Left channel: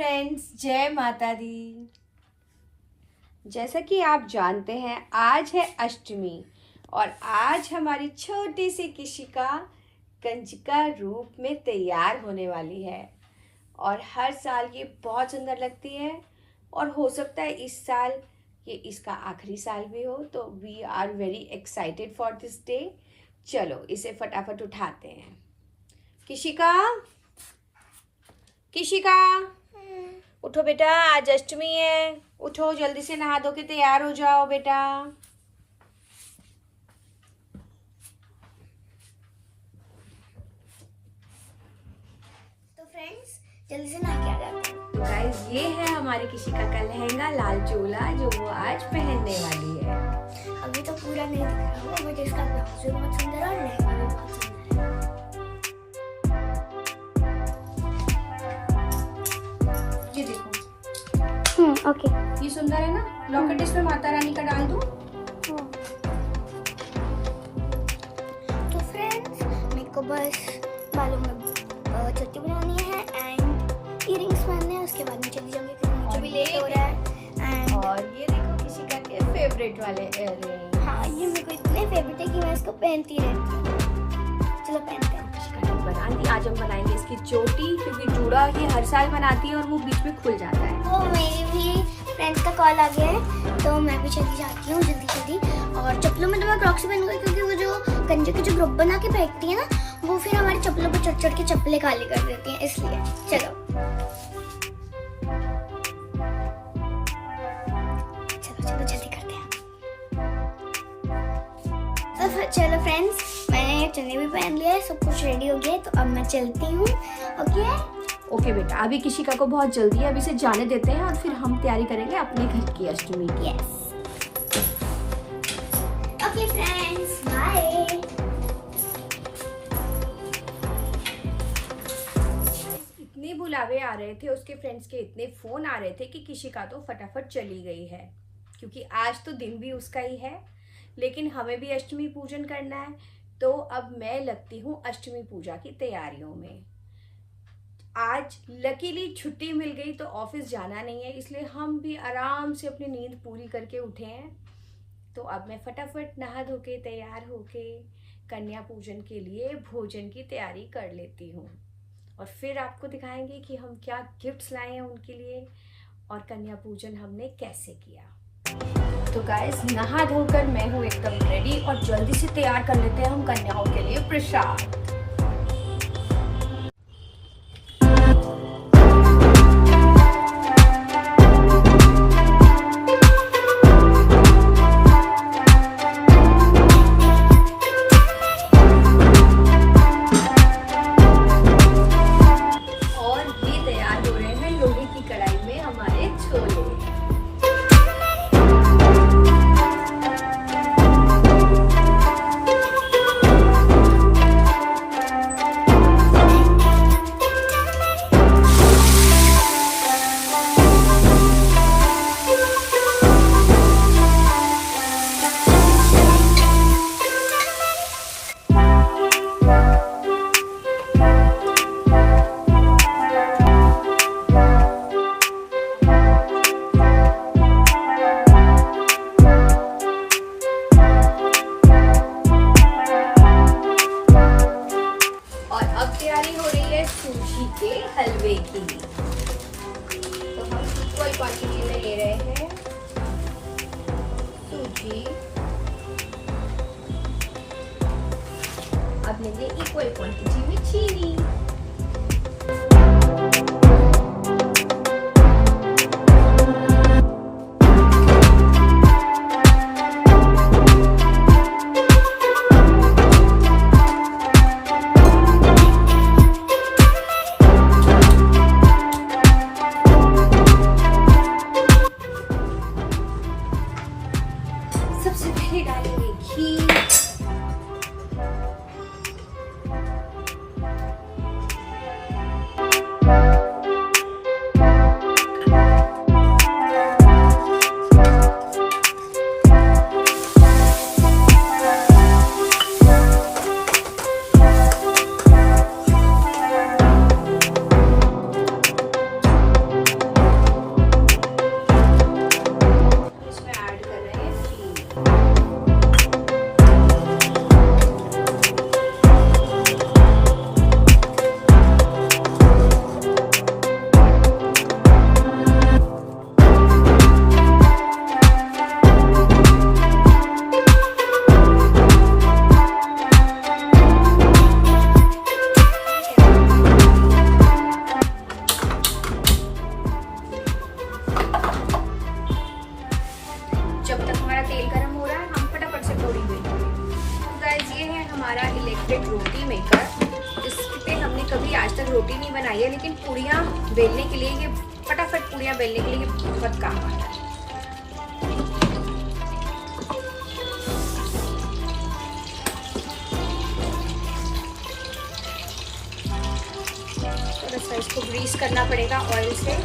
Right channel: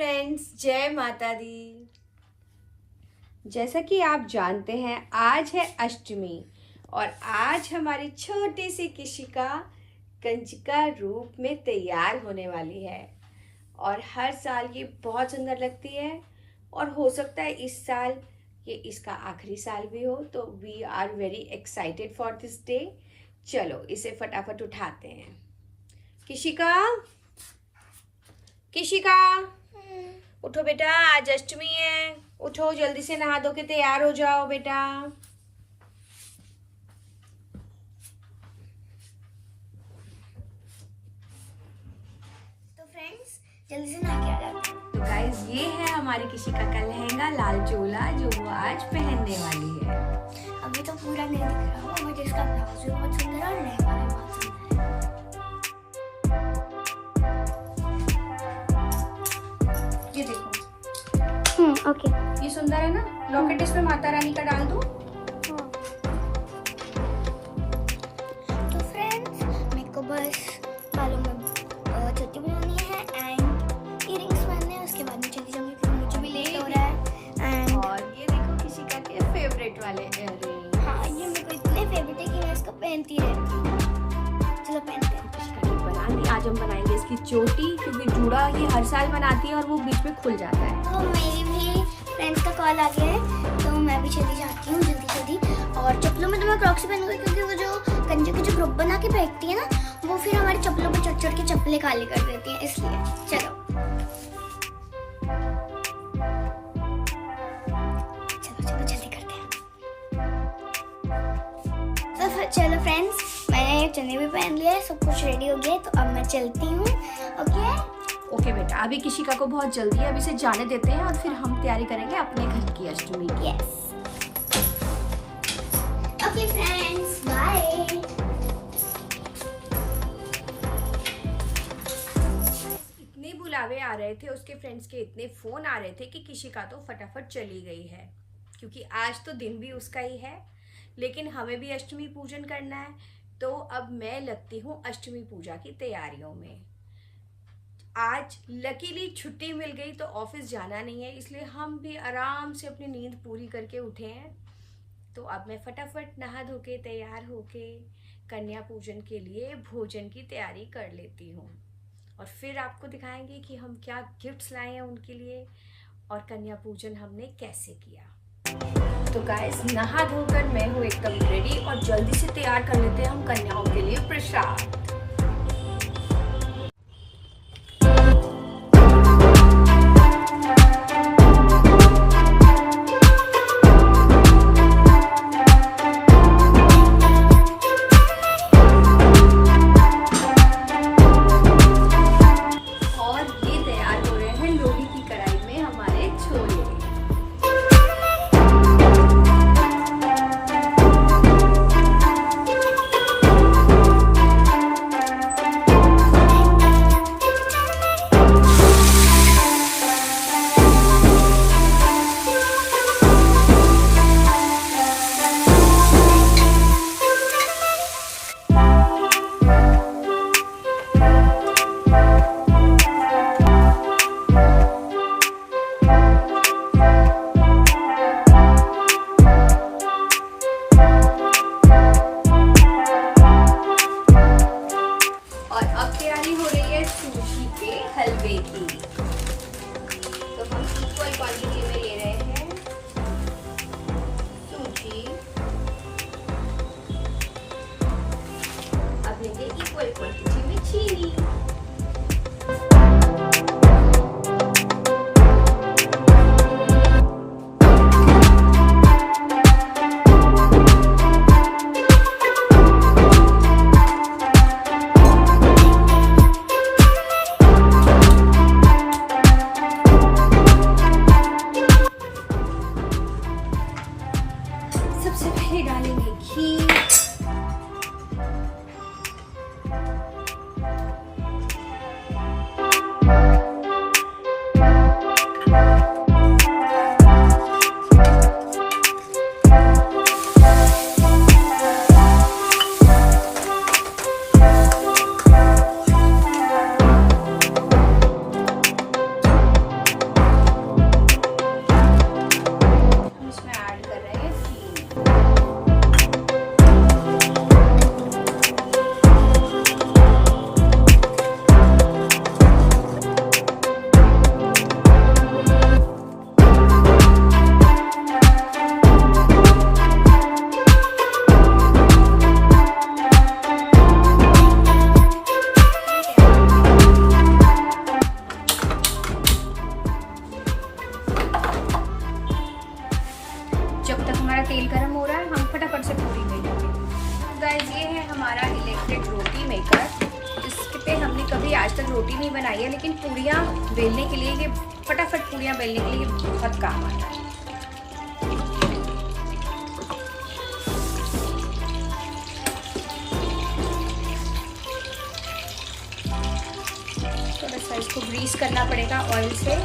Friends, जय माता दी। जैसा कि आप जानते हैं आज है अष्टमी और आज हमारी छोटी सी किशिका कंजिका रूप में तैयार होने वाली है और हर साल ये बहुत सुंदर लगती है और हो सकता है इस साल ये इसका आखिरी साल भी हो, तो we are very excited for this day. चलो इसे फटाफट उठाते हैं। किशिका, किशिका उठो बेटा, आज अष्टमी है। उठो, जल्दी से नहा धो के तैयार हो जाओ बेटा। तो फ्रेंड्स जल्दी से नहा के आ जाते हैं। तो गाइस ये है हमारी किशिका का लहंगा लाल चोला जो वो आज पहनने वाली है। अभी तो पूरा नहीं दिख रहा होगा, मुझे इसका ब्लाउज भी बहुत सुंदर है और लहंगा भी बहुत सुंदर है। ये देखो, ओके। ये सुंदर है ना। लॉकेट इसमें माता रानी का डाल दूं। तो फ्रेंड्स मेरे को बस बालों में चोटी बनानी है एंड इयरिंग्स पहनने हैं। उसके बाद मैं चली जाऊंगी क्योंकि मुझे भी लेट हो रहा है। एंड और ये देखो किशिका के फेवरेट वाले इयररिंग। हाँ, ये मेरे को इतने फेवरेट है कि मैं इसको पहनती रहती हूँ। चलो पहनते हैं। बनानी आज हम बनाएंगे इसकी चोटी, क्योंकि जूड़ा ये हर साल बनाती है और वो बीच में खुल जाता है। तो मेरी भी फ्रेंड्स का कॉल आ गया है तो मैं भी चली जाती हूँ जल्दी जल्दी। और चप्पलों में तो मैं क्रॉक्स पहनूंगी क्योंकि वो जो कंजे के जो ग्रुप बना के फेंकती है ना, वो फिर हमारे चप्पलों पे चढ़ चढ़ के चप्पलें काली कर देती हैं, इसलिए चलो चलो चलो जल्दी करते हैं। तो चलो फ्रेंड्स, मैंने चने भी पहन लिया है, सब कुछ रेडी हो गया है, तो अब मैं चलती हूँ। ओके बेटा, अभी किशिका को बहुत जल्दी है, अभी इसे जाने देते हैं और फिर हम तैयारी करेंगे अपने घर की अष्टमी की। Okay friends, bye. इतने बुलावे आ रहे थे, उसके फ्रेंड्स के इतने फोन आ रहे थे कि किशिका तो फटाफट चली गई है, क्योंकि आज तो दिन भी उसका ही है। लेकिन हमें भी अष्टमी पूजन करना है, तो अब मैं लगती हूँ अष्टमी पूजा की तैयारियों में। आज लकीली छुट्टी मिल गई तो ऑफिस जाना नहीं है, इसलिए हम भी आराम से अपनी नींद पूरी करके उठे हैं। तो अब मैं फटाफट नहा धो के तैयार होके कन्या पूजन के लिए भोजन की तैयारी कर लेती हूँ और फिर आपको दिखाएंगे कि हम क्या गिफ्ट्स लाए हैं उनके लिए और कन्या पूजन हमने कैसे किया। तो गाइस, नहा धोकर मैं हूँ एकदम रेडी और जल्दी से तैयार कर लेते हैं हम कन्याओं के लिए प्रसाद। हलवे की तो हम इक्वल क्वांटिटी में ले रहे हैं सूजी। अब लेंगे इक्वल क्वांटिटी में चीनी। सबसे पहले डालेंगे घी, रोटी नहीं बनाई है, लेकिन पूड़ियाँ बेलने के लिए, ये फटाफट पूड़ियाँ बेलने के लिए बहुत काम आता है। थोड़ा सा इसको ग्रीस करना पड़ेगा ऑयल से।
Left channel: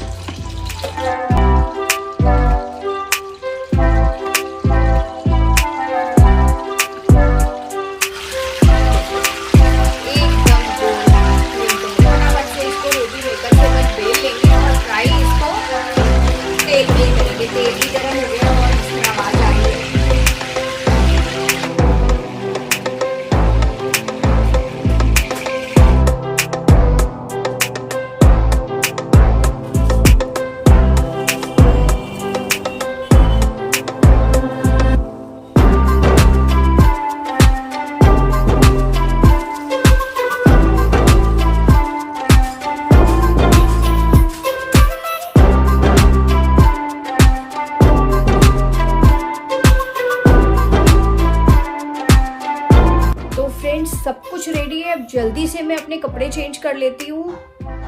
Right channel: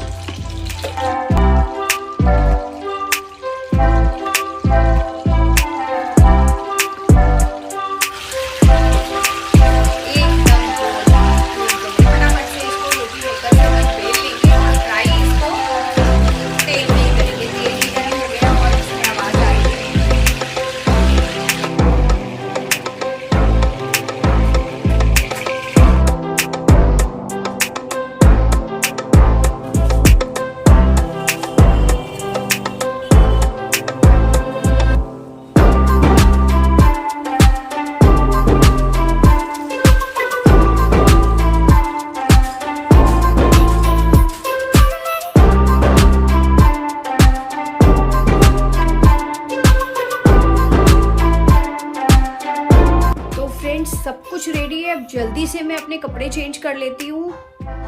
सब कुछ रेडी है। अब जल्दी से मैं अपने कपड़े चेंज कर लेती हूँ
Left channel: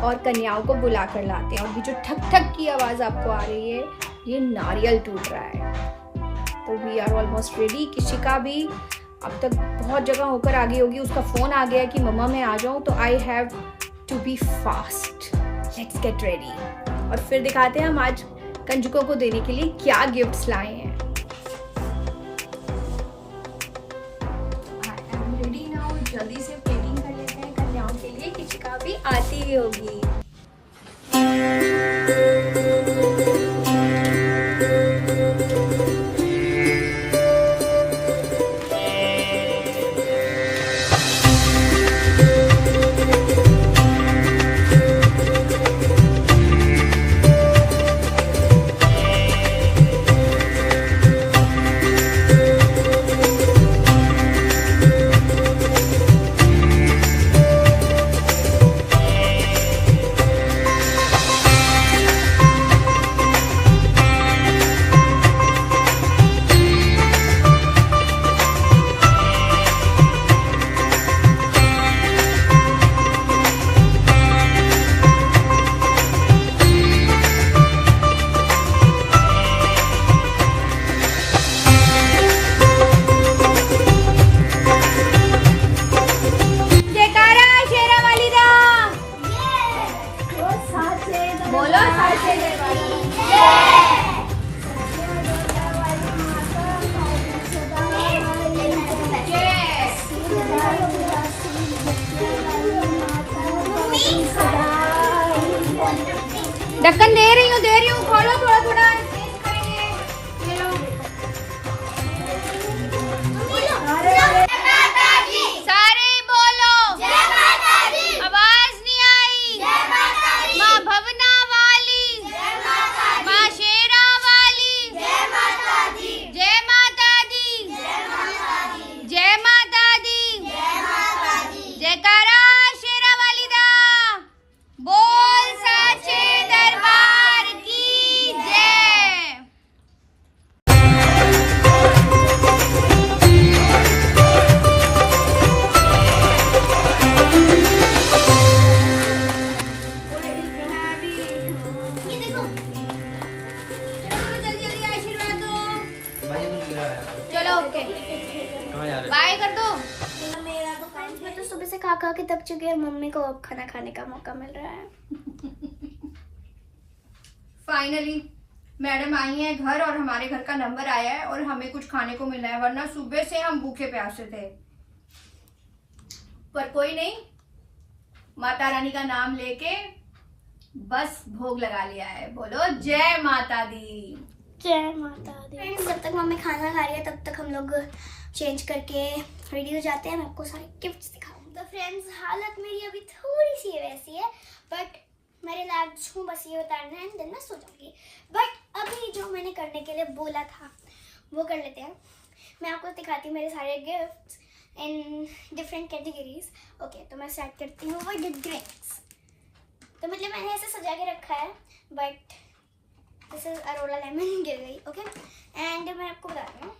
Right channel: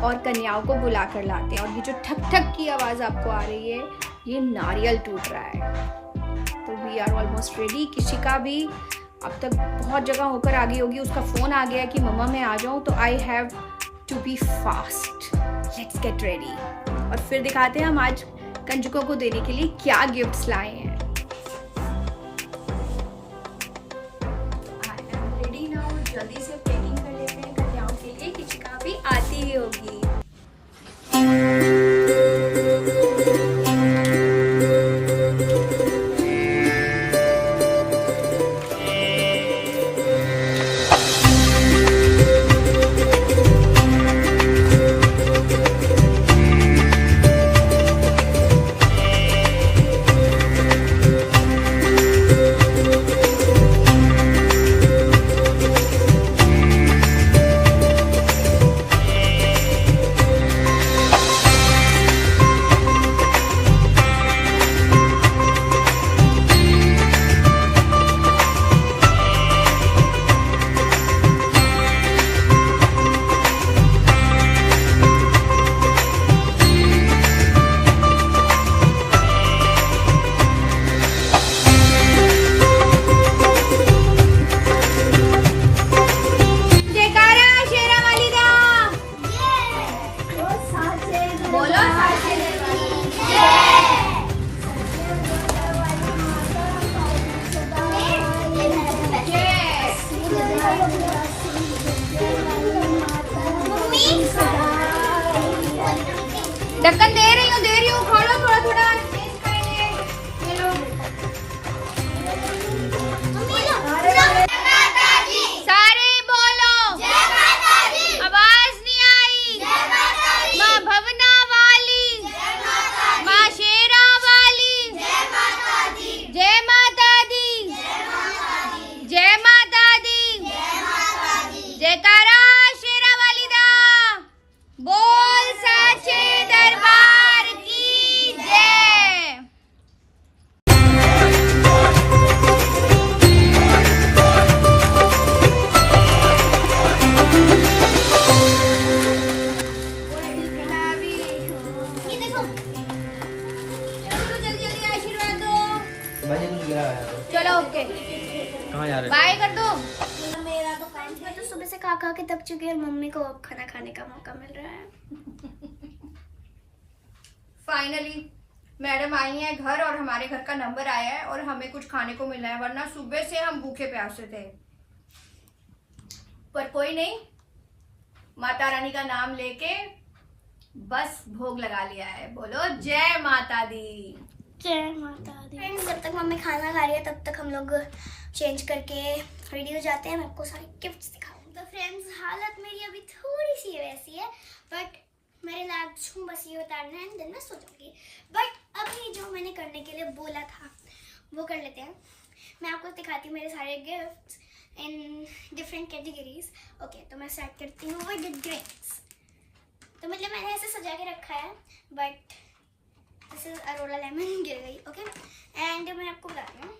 और कन्याओं को बुला कर लाते हैं। और ये जो ठक ठक की आवाज़ आपको आ रही है, ये नारियल टूट रहा है। तो वी आर ऑलमोस्ट रेडी। किशिका भी अब तक बहुत जगह होकर आ गई होगी, उसका फ़ोन आ गया कि मम्मा मैं आ जाऊँ, तो I have to be fast. Let's get ready और फिर दिखाते हैं हम आज कंजुकों को देने के लिए क्या गिफ्ट्स लाए हैं। जल्दी से पैकिंग कर लेते हैं कन्याओं के लिए, किशिका भी आती ही होगी। ढक्कन दे रही हूँ, खोलो थोड़ा थोड़ा। सारे बोलो जय माता दी। आवाज नहीं आई। जय माता दी। माँ भवना वाली, माँ शेरा वाली, जय माता दी। जय माता दी। जय माता दी। जयकारा शेरा वाली दा बोल साचे दरबार की जय। जल्दी आशीर्वाद दो। चलो ओके, बाय कर दो। मेरा तो फ्रेंड्स में तो सुबह से खा के थक चुकी है और मम्मी को अब खाना खाने का मौका मिल रहा है। फाइनली मैडम आई हैं घर और हमारे घर का नंबर आया है और हमें कुछ खाने को मिल रहा है, वरना सुबह से हम भूखे प्यासे थे। पर कोई नहीं, माता रानी का नाम लेके बस भोग लगा लिया है। बोलो जय माता दी। जय माता दी। फ्रेंड्स जब तक मम्मी खाना खा रही है तब तक हम लोग चेंज करके रेडी हो जाते हैं। मैं आपको सारे गिफ्ट्स दिखाऊंगी। तो फ्रेंड्स हालत मेरी अभी थोड़ी सी वैसी है, बट मेरे लाइफ हूँ बस ये उतारना है, देन मैं सो जाऊंगी। बट अभी जो मैंने करने के लिए बोला था वो कर लेते हैं। मैं आपको दिखाती हूँ मेरे सारे gifts in different categories. Okay, तो मैं स्टार्ट करती हूँ विद ड्रिंक्स। तो मतलब मैंने ऐसे सजा के रखा है, बट दिस इज अरोला लेमन गिर गई। ओके, एंड मैं आपको बता रही हूँ,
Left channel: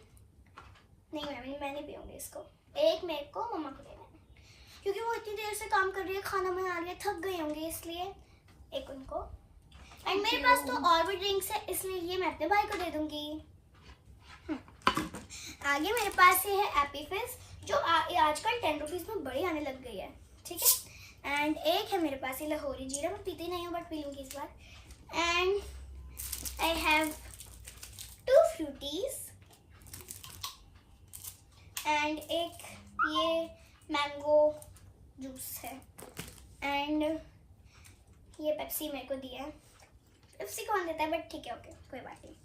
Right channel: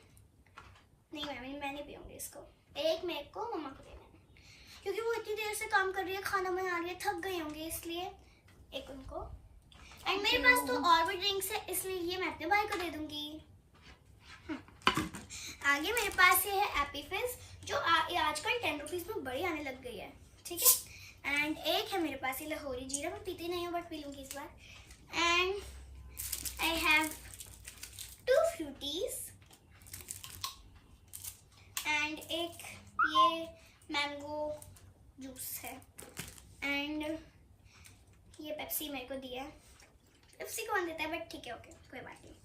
नहीं मैं नहीं पीऊँगी इसको। एक मेरे को मम्मा को देना है। क्योंकि वो इतनी देर से काम कर रही है, खाना बना रही है, थक गए होंगे इसलिए एक उनको। एंड मेरे पास तो और भी ड्रिंक्स है, इसलिए ये मैं अपने भाई को दे दूंगी। आगे मेरे पास ये है एपी फिज जो आजकल 10 रुपीज में बड़ी आने लग गई है, ठीक है। एंड एक है मेरे पास ये लाहौरी जीरा, मैं पीती नहीं हूँ बट पी लूंगी इस बार। एंड आई हैव 2 फ्रूटीज एंड एक ये मैंगो जूस है। एंड ये पेप्सी मेरे को दिया है, पेप्सी कौन देता है बट ठीक है, ओके कोई बात नहीं,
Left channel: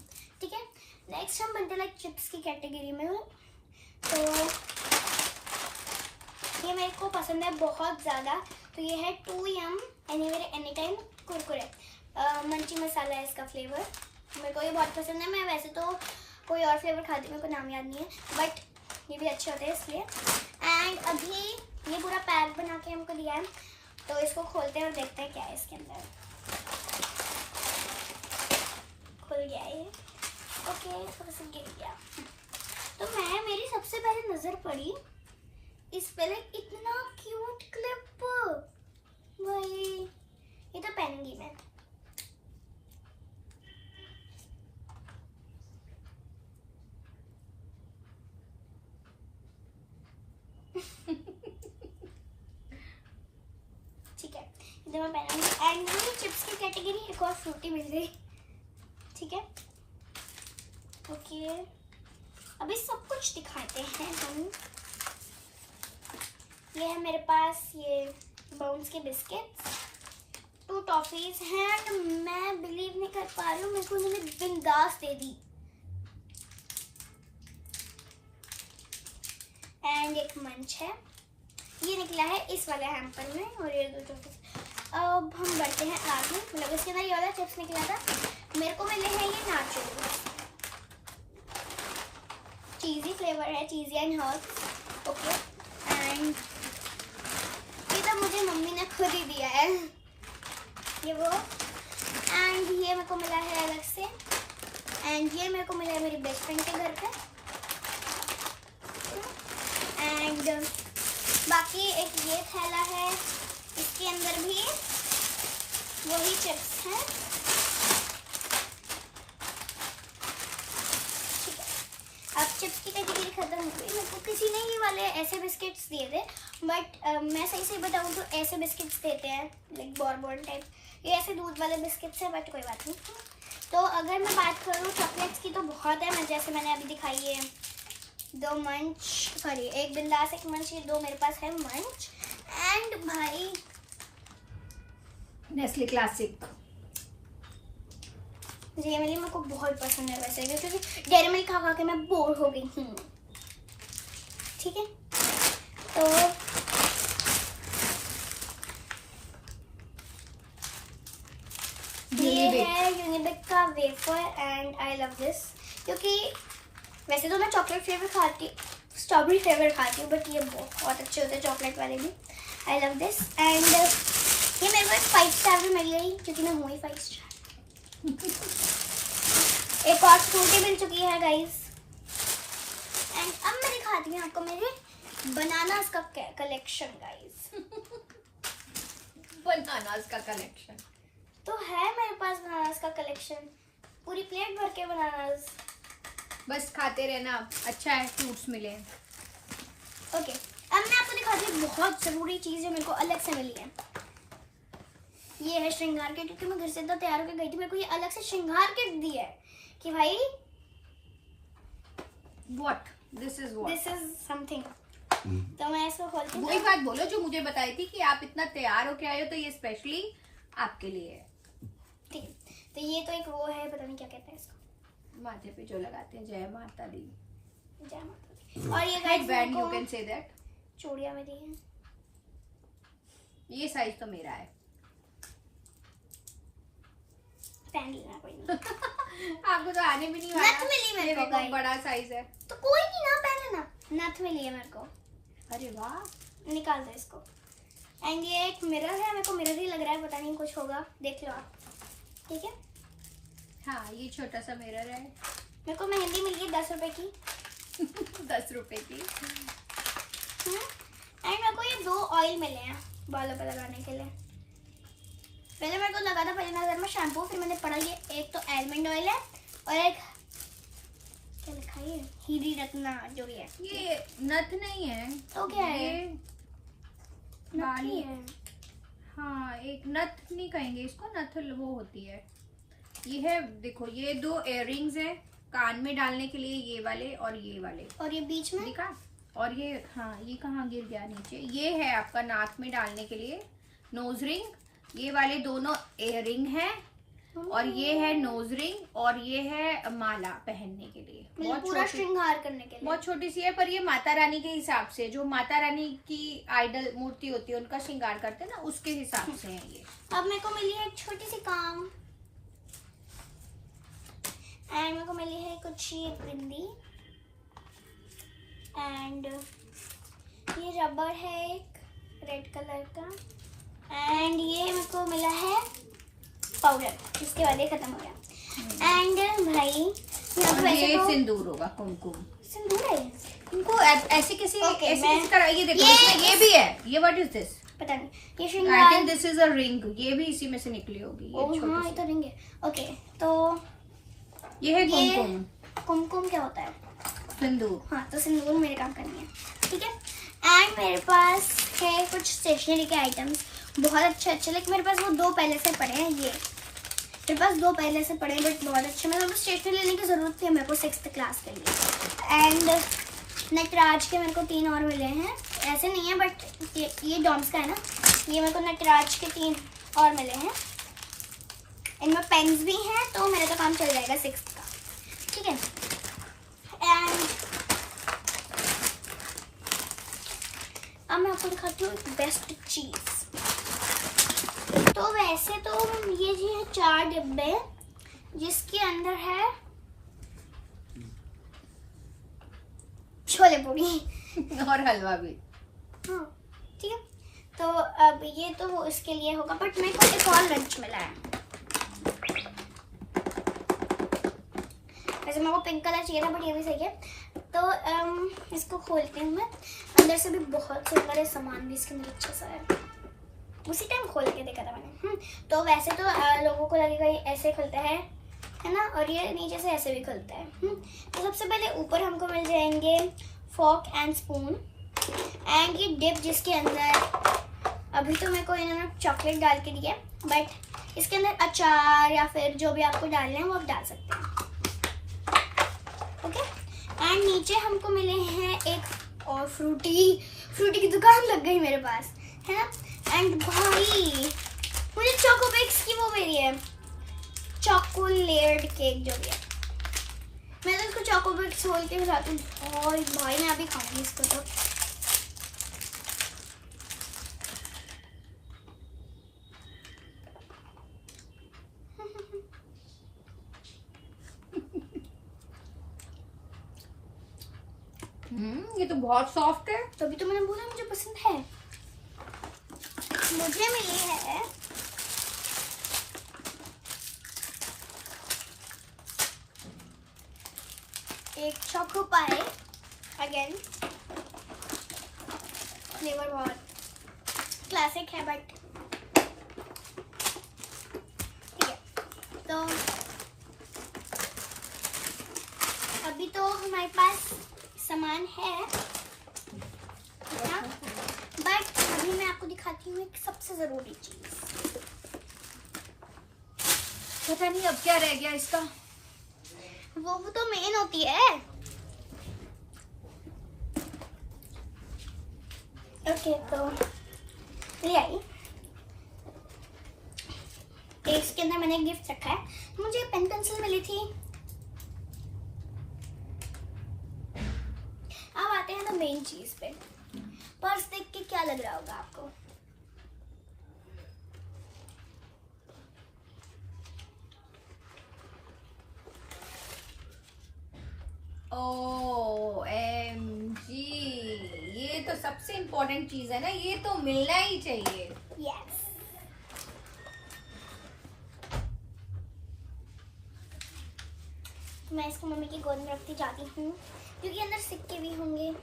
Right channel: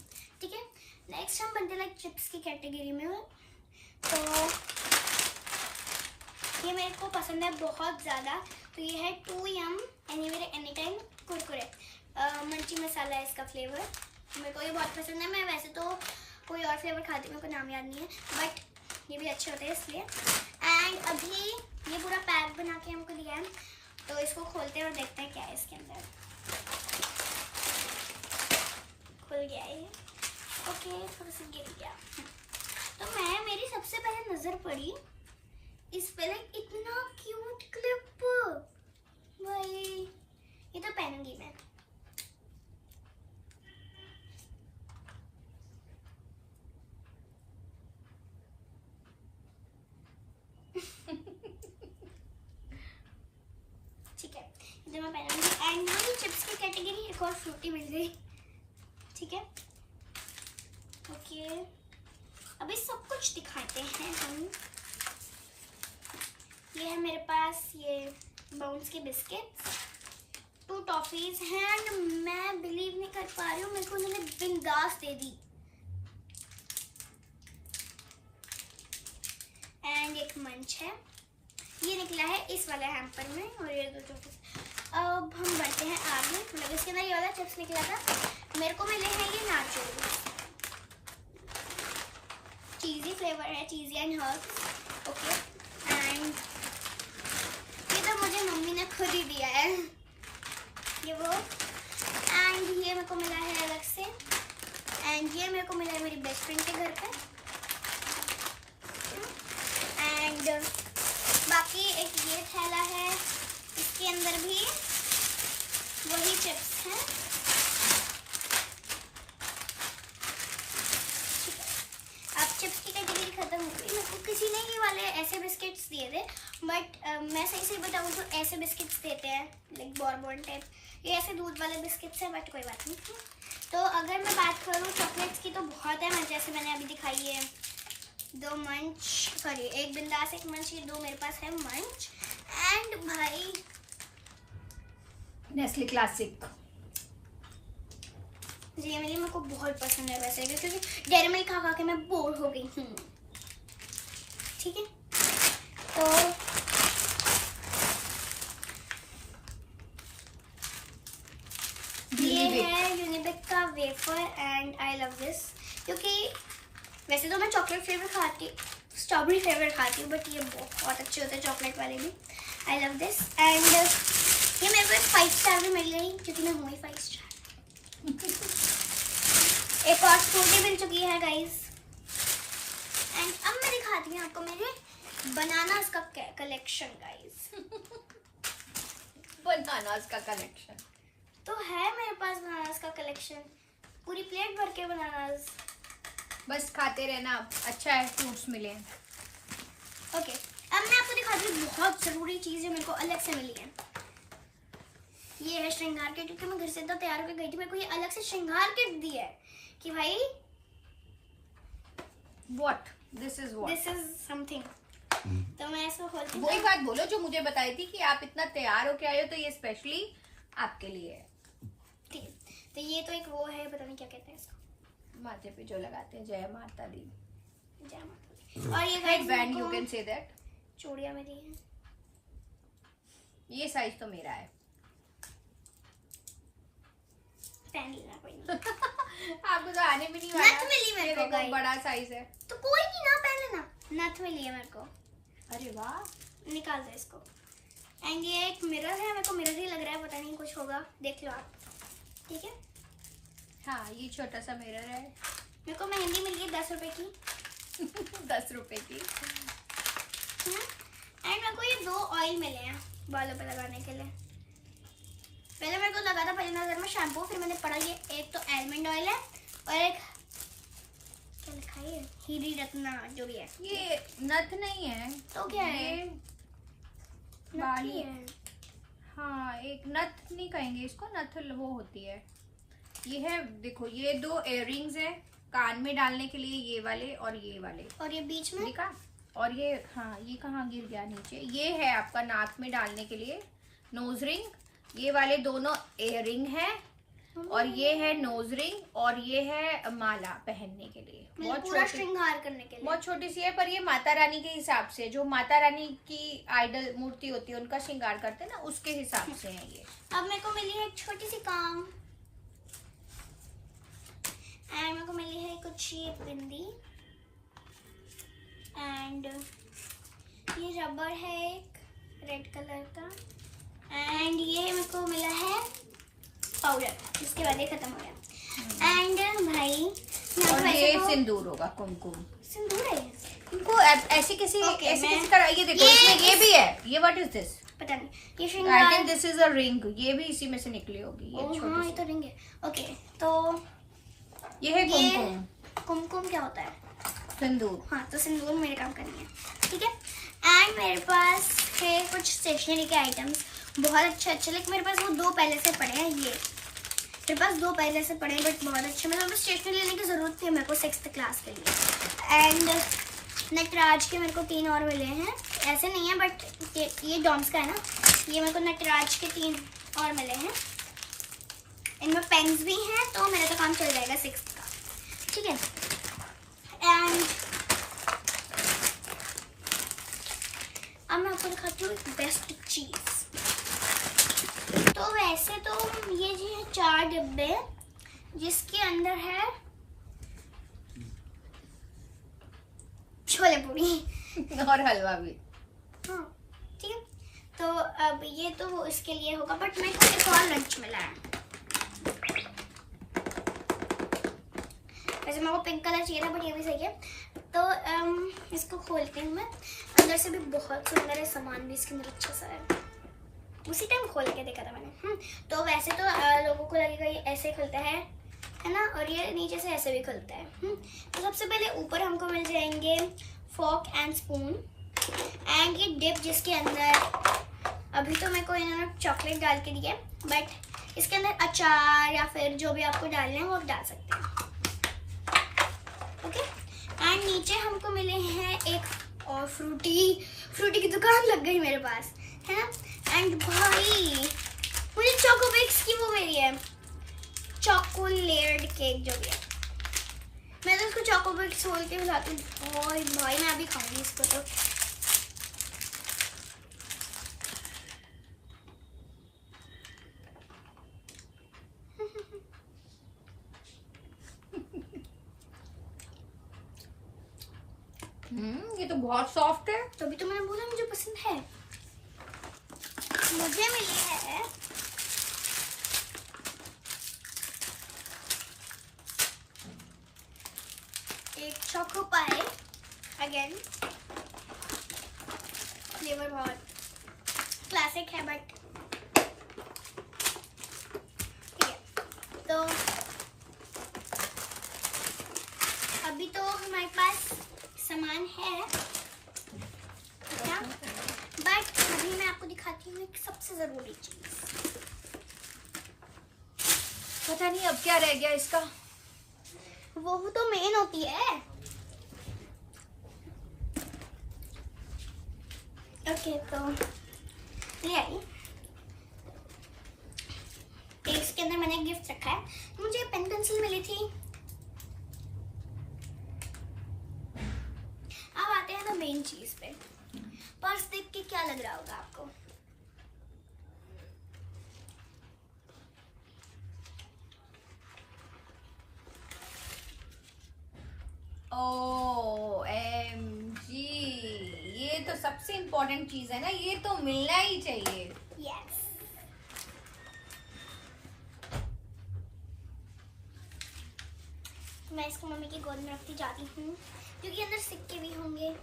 ठीक है। नेक्स्ट हम बनते लाइक चिप्स की कैटेगरी में, तो ये मेरे को पसंद है बहुत ज़्यादा। तो ये है 2 यम एनीवेयर एनी टाइम कुरकुरे, मंची मसाला है इसका फ्लेवर, मेरे को ये बहुत पसंद है। मैं वैसे तो कोई और फ्लेवर खाती हूँ, मेरे को नाम याद नहीं है, बट ये भी अच्छे होते हैं इसलिए। एंड अभी ये पूरा पैक बना के हमको दिया है, तो इसको खोलते हैं और देखते हैं क्या है इसके अंदर। खुल गया ये, ओके, थोड़ा सा गिर गया। तो मेरी सबसे पहले नजर पड़ी इस पे, लाइक इतना क्यूट क्लिप, भाई ये तो पहनूंगी मैं। ठीक है, ये तो मैं पहनूंगी। एंड मुझे चिप्स की कैटेगरी एक और फ्रूटी मिल गई, ठीक है, ओके। अभी सब कुछ दिखाते हैं हम। ये है मेरे पास ये बाउंस के बिस्किट्स, 2 टॉफीज हैं। एंड मैं बिलीव नहीं कर पा रही हूँ, मेरे को उन्होंने बिंदास दे दी। एंड एक मंच है, ये निकला है इस वाले हैम्पर में, और ये 2 टॉफीज। अब हम बढ़ते हैं आगे, मतलब इसके अंदर ये वाला चिप्स निकला था, मेरे को मिले हैं ये नाचो, चीज़ी फ्लेवर है, चीज़ी एंड हर्ब्स, ओके। एंड ये तो मुझे मम्मी ने खुद ही दिया है, ये वो। एंड ये मेरे को मिला है अलग से, एंड ये मेरे को मिला है मेरी बेस्ट फ्रेंड के घर पे। एंड बाकी एक ये थैला है, इसके अंदर भी वही चिप्स हैं, ठीक है। अब चिप्स की कैटेगरी खत्म हो गई। मेरे को किसी ने ये वाले ऐसे बिस्किट्स दिए थे, बट मैं सही से बताऊँ तो ऐसे बिस्किट्स देते हैं लाइक बॉर्बन टाइप, ये ऐसे दूध वाले बिस्किट्स हैं, बट कोई बात नहीं। तो अगर मैं बात करूँ चॉकलेट्स की तो बहुत है, जैसे मैंने अभी दिखाई है 2 मंच, सॉरी 1 बिंदास 1 मंच, ये 2 मेरे पास है मंच। एंड भाई नेस्ले क्लासिक डेयरी मिल्क मेरे को बहुत पसंद है वैसे, क्योंकि डेयरी मिल्क खा खा के मैं बोर हो गई हूँ, ठीक है। तो ये है यूनिबिक का wafer and I love this, क्योंकि वैसे तो मैं चॉकलेट फ्लेवर खाती, स्ट्रॉबेरी फ्लेवर खाती हूँ, बट ये बहुत अच्छे होते हैं चॉकलेट वाले भी। I love this. एंड ये मेरे को एक 5 स्टार भी मिल गई, क्योंकि मैं हूँ ही 5 स्टार। एक और फ्रूटी मिल चुकी है गाइस। एंड अब मैं दिखाती हूँ आपको मेरे बनानास का कलेक्शन गाइस। बनानास का कलेक्शन तो है मेरे पास, बनानास का कलेक्शन, पूरी प्लेट भर के बनानास, बस खाते रहना, अच्छा है फ्रूट्स मिले। ओके, अब मैं आपको दिखाती हूँ बहुत जरूरी चीज जो मेरे को अलग से मिली है। ये है श्रृंगार किट, क्योंकि मैं घर से इतना तैयार होकर गई थी, मेरे को ये अलग से श्रृंगार किट दी है कि भाई व्हाट दिस इज समथिंग। तो मैं इसको खोलती हूँ। वही बात बोलो जो मुझे बताई थी कि आप इतना तैयार होके आए हो, तो ये स्पेशली आपके लिए है। ठीक, तो ये तो एक वो है, पता नहीं क्या कहते हैं इसको, माथे पे जो लगाते हैं, जय माता दी, जय माता दी। और ये headband, you can say that, चूड़ियां में दी है। ये साइज तो मेरा है। पहन लेना कोई नहीं। आपको तो आने भी नहीं वाला। नथ मिली मेरे को गाइस, बड़ा साइज है तो कोई नहीं ना, पहन लेना। नथ मिली है मेरे को। अरे वाह, निकाल दो इसको। एंड ये एक मिरर है, मेरे को मिरर ही लग रहा है, पता नहीं कुछ होगा, देख लो आप, ठीक है। हाँ, ये छोटा सा मिरर है। मेरे को मेहंदी मिल गई 10 रुपए की। 10 रुपए की। एंड मेरे को ये 2 ऑयल मिले हैं बालों पे लगाने के लिए। पहले मेरे को लगा था पहली नजर में शैम्पू, फिर मैंने पढ़ा ये एक तो आलमंड ऑयल है और एक क्या लिखा है हीरी रत्ना जो भी है। ये नथ नहीं है तो क्या है? बाली है। हाँ, एक नथ नहीं कहेंगे इसको, नथ वो होती है। ये है देखो, ये 2 इयररिंग्स है कान में डालने के लिए, ये वाले और ये वाले। और ये बीच में देखा? और ये हाँ, ये कहाँ गिर गया नीचे। ये है आपका नाक में डालने के लिए नोज रिंग। ये वाले दोनों इयररिंग है और ये है नोज रिंग और ये है माला पहनने के लिए। बहुत पूरा श्रृंगार करने के लिए। बहुत छोटी सी है, पर ये माता रानी के हिसाब से, जो माता रानी की आइडल मूर्ति होती है उनका श्रृंगार करते हैं ना, उसके हिसाब से है ये। अब मेरे को मिली है एक छोटी सी काम, एंड मेरे को मिली है कुछ ये बिंदी, एंड ये रबर है एक रेड कलर का, एंड ये मेरे को मिला है पाउडर, इसके बाद ये खत्म हो गया। एंड भाई यहाँ पे वैसे तो सिंदूर होगा, कुमकुम सिंदूर है इनको ऐसे किसी मैं तरह। ये देखो, इसमें ये भी है। ये व्हाट इज दिस? पता नहीं, ये श्रृंगार। दिस इज अ रिंग, ये भी इसी में से निकली होगी। ओह हाँ, ये तो रिंग है। ओके, तो ये है कुमकुम। कुमकुम क्या होता है? सिंदूर। हाँ, तो सिंदूर मेरे काम करनी है, ठीक है। एंड मेरे पास है कुछ स्टेशनरी के आइटम्स, बहुत अच्छे लेकिन मेरे पास वो 2 पहले से पड़े हैं। ये मेरे पास 2 पहले से पड़े हैं बट बहुत अच्छे। मतलब स्टेशनरी लेने की ज़रूरत थी मेरे को 6th क्लास के लिए। एंड नटराज के मेरे को 3 और मिले हैं, ऐसे नहीं है बट ये डॉम्स का है ना। ये मेरे को नटराज के 3 और मिले हैं, इनमें पेन्स भी हैं, तो मेरा तो काम चल जाएगा 6th का, ठीक है। एंड अब मैं आपको दिखाती हूँ बेस्ट चीज़। तो वैसे तो ये जी है 4 डिब्बे, जिसके अंदर है छोले पूरी और हलवा भी। हाँ, ठीक है। तो अब ये तो इसके लिए होगा, बट मेरे को एक और लंच मिला है। वैसे मेरे को पिंक कलर चाहिए था बट ये भी सही है। तो इसको खोलती हूँ मैं। अंदर से भी बहुत सुंदर है, सामान भी इसके अंदर अच्छा सा है। उसी टाइम खोल के देखा था मैंने। तो वैसे तो लोगों को लगेगा ये ऐसे खुलता है ना, और ये नीचे से ऐसे भी खुलता है। तो सबसे पहले ऊपर हमको मिल जाएंगे फॉर्क एंड स्पून, एंड ये डिप जिसके अंदर अभी तो मेरे को इन्होंने चॉकलेट डाल के दिया, बट इसके अंदर अचार या फिर जो भी आपको डालना है वो आप डाल सकते हैं, ओके। एंड नीचे हमको मिले हैं एक और फ्रूटी की दुकान लग गई मेरे पास, है ना। एंड भाई मुझे चोकोबिक्स की वो मेरी है, चोको लेयर्ड केक जो भी है। मैं तो इसको चोकोबिक्स बोल के खिलाती हूँ, और भाई मैं अभी खाऊंगी इसको तो। ये तो बहुत सॉफ्ट है। तभी तो मैंने बोला मुझे पसंद है। मुझे मिली है एक चोको पाई, अगेन फ्लेवर बहुत क्लासिक है बट ठीक है। तो अभी तो हमारे पास सामान है, बट अभी मैं आपको दिखाती हूँ एक सबसे जरूरी चीज। पता नहीं अब क्या रह गया इसका। वो तो मेन होती है। ओके, तो ले आई। इसके अंदर मैंने गिफ्ट रखा है। मुझे पेन पेंसिल मिली थी। अब आते हैं तो मेन चीज पे। पर्स देख के क्या लग रहा होगा आपको? OMG, ये तो सबसे इम्पोर्टेंट चीज है ना, ये तो मिलना ही चाहिए। यस। मैं इसको मम्मी की गोद में रखती जाती हूँ क्योंकि अंदर सिक्के भी होंगे।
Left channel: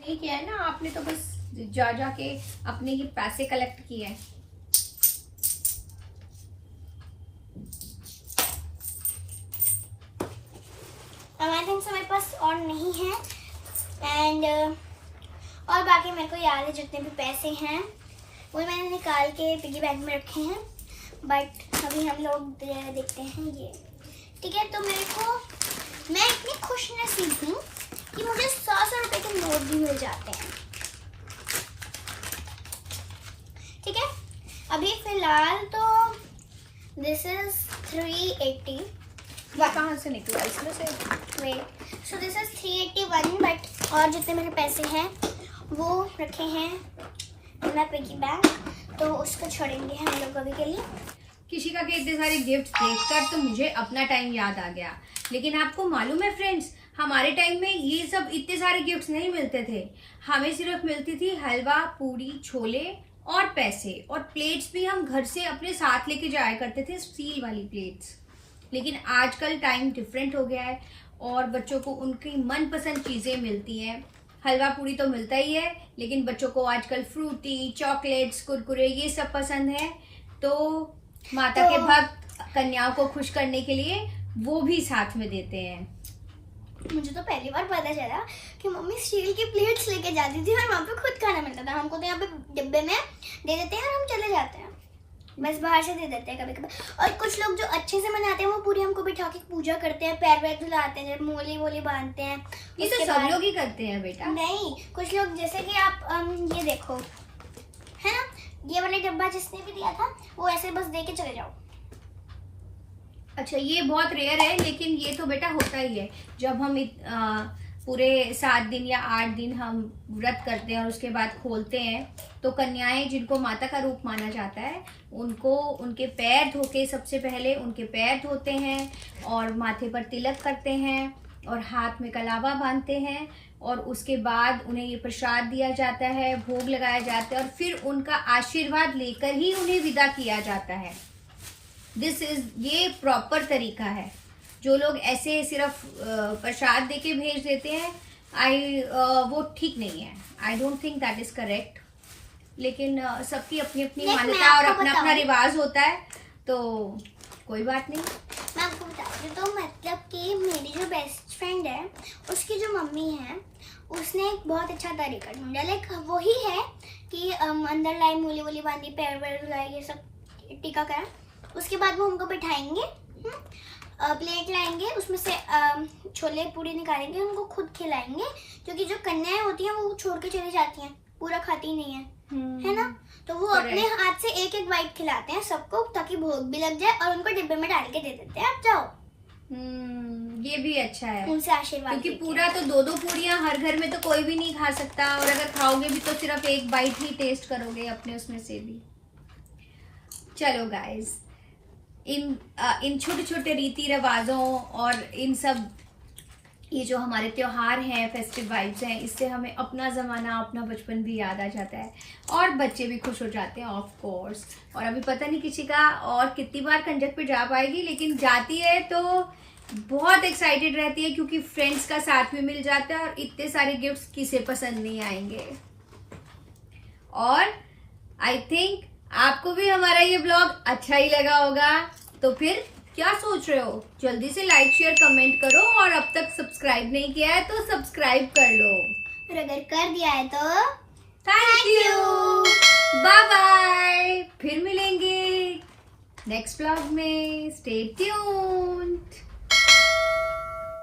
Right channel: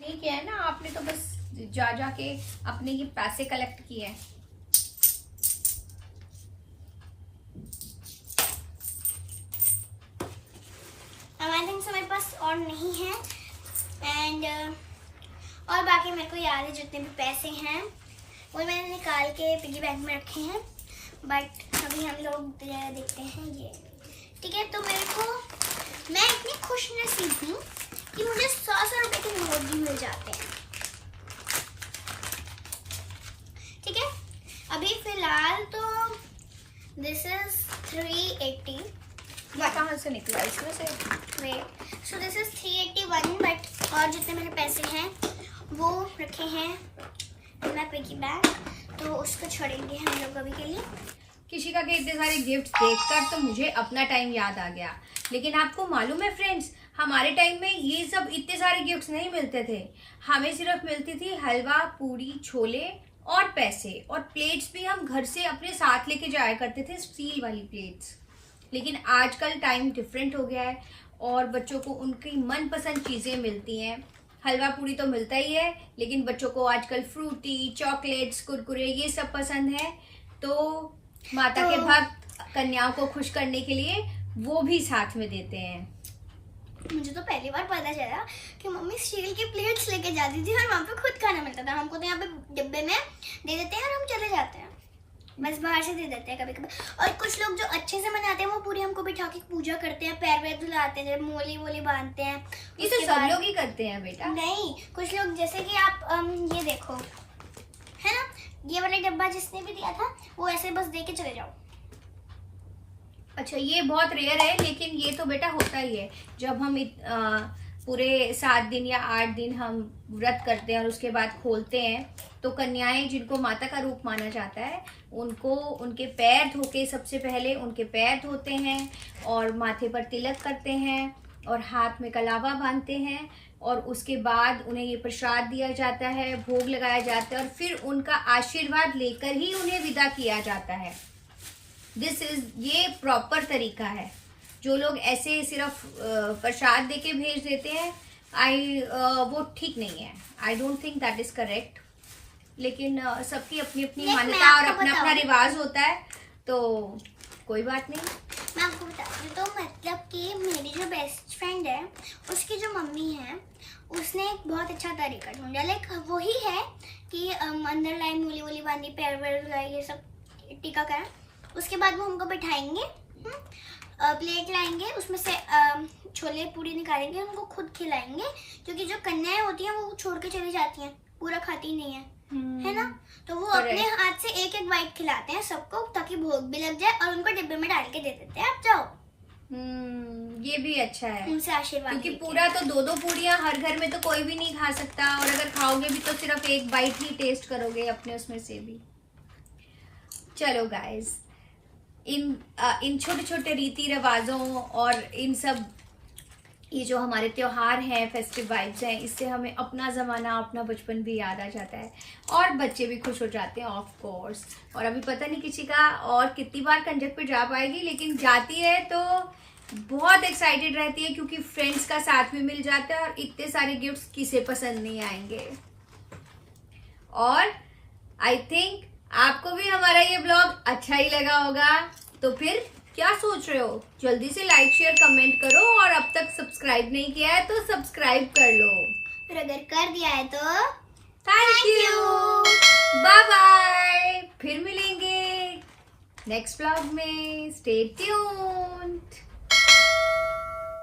ठीक है ना, आपने तो बस जा के अपने ही पैसे कलेक्ट किए हैं। मेरे पास और नहीं है एंड और बाकी मेरे को याद है जितने भी पैसे हैं वो मैंने निकाल के पिगी बैंक में रखे हैं, बट अभी हम लोग देखते हैं ये। ठीक है, तो मेरे को मैं इतनी खुश नसीब हूँ कि मुझे 100 रुपए के नोट भी मिल जाते हैं। ठीक है, अभी फिलहाल तो दिस इज 380। कहाँ से निकला इसमें से? Wait, so this is 381, but और जितने मेरे पैसे हैं वो रखे हैं मेरा पिगी बैंक, तो उसको छोड़ेंगे हम लोग अभी के लिए। किशिका के इतने सारे गिफ्ट देखकर तो मुझे अपना टाइम याद आ गया। लेकिन आपको मालूम है फ्रेंड्स, हमारे टाइम में ये सब इतने सारे गिफ्ट्स नहीं मिलते थे। हमें सिर्फ मिलती थी हलवा, पूरी, छोले और पैसे, और प्लेट्स भी हम घर से अपने साथ लेके जाया करते थे, स्टील वाली प्लेट्स। लेकिन आजकल टाइम डिफरेंट हो गया है और बच्चों को उनकी मनपसंद चीजें मिलती हैं। हलवा पूरी तो मिलता ही है, लेकिन बच्चों को आजकल फ्रूटी, चॉकलेट्स, कुरकुरे ये सब पसंद है। तो माता के भक्त कन्याओं को खुश करने के लिए वो भी साथ में देते हैं। मुझे तो पहली बार पता चला कि मम्मी स्टील की प्लेट्स लेके जाती थी और वहाँ पे खुद खाना मिलता था। हमको तो यहाँ पे डिब्बे में दे देते हैं और हम चले जाते हैं, बस बाहर से दे देते हैं कभी कभी। और कुछ लोग जो अच्छे से मनाते हैं वो पूरी हमको बिठा के पूजा करते हैं, पैर वैर धुलाते हैं, जब मोली वोली बांधते हैं। ये तो सब लोग ही करते हैं बेटा। नहीं, कुछ लोग जैसे कि आप ये देखो, है ना, ये वाला डब्बा जिसने भी दिया था वो ऐसे बस दे के चले जाओ। अच्छा, ये बहुत रेयर है, लेकिन ये तो बेटा होता ही है। जब हम पूरे 7 दिन या 8 दिन हम व्रत करते हैं और उसके बाद खोलते हैं, तो कन्याएं जिनको माता का रूप माना जाता है उनको उनके पैर धो के, सबसे पहले उनके पैर धोते हैं और माथे पर तिलक करते हैं और हाथ में कलावा बांधते हैं, और उसके बाद उन्हें ये प्रसाद दिया जाता है, भोग लगाया जाता है, और फिर उनका आशीर्वाद लेकर ही उन्हें विदा किया जाता है। ये प्रॉपर तरीका है। जो लोग ऐसे सिर्फ प्रसाद देके भेज देते हैं, वो ठीक नहीं है। I don't think that is correct. लेकिन सबकी अपनी अपनी मान्यता और अपना अपना रिवाज होता है, तो कोई बात नहीं। मैं आपको बताती हूँ, तो मतलब कि मेरी जो बेस्ट फ्रेंड है उसकी जो मम्मी है उसने एक बहुत अच्छा तरीका ढूंढा। लाइक वही है कि अंदर लाई, मूली वूली बांधी, पैर वैर लाई, ये सब टीका करा। उसके बाद वो हमको बिठाएंगे, प्लेट लाएंगे, उसमें से छोले पूरी निकालेंगे, उनको खुद खिलाएंगे, क्योंकि जो कन्याएं होती हैं वो छोड़ के चली जाती हैं, पूरा खाती नहीं है ना। तो वो अपने हाथ से एक एक बाइट खिलाते हैं सबको, ताकि भोग भी लग जाए, और उनको डिब्बे में डाल के दे देते हैं, आप जाओ। ये भी अच्छा है, उनसे आशीर्वाद, क्योंकि पूरा तो 2-2 पूरियां हर घर में तो कोई भी नहीं खा सकता, और अगर खाओगे भी तो सिर्फ एक बाइट ही टेस्ट करोगे अपने उसमें से भी। चलो गाइस, इन छोटे छोटे रीति रिवाजों और इन सब ये जो हमारे त्योहार हैं, फेस्टिव वाइब्स हैं, इससे हमें अपना ज़माना, अपना बचपन भी याद आ जाता है और बच्चे भी खुश हो जाते हैं ऑफ कोर्स। और अभी पता नहीं किसी का और कितनी बार कंजक पे जा पाएगी, लेकिन जाती है तो बहुत एक्साइटेड रहती है, क्योंकि फ्रेंड्स का साथ भी मिल जाता है और इतने सारे गिफ्ट्स किसे पसंद नहीं आएंगे। और आई थिंक आपको भी हमारा ये ब्लॉग अच्छा ही लगा होगा, तो फिर क्या सोच रहे हो, जल्दी से लाइक शेयर कमेंट करो, और अब तक सब्सक्राइब नहीं किया है तो सब्सक्राइब कर लो, और अगर कर दिया है तो थैंक यू, बाय बाय। फिर मिलेंगे नेक्स्ट ब्लॉग में, स्टे ट्यून्ड।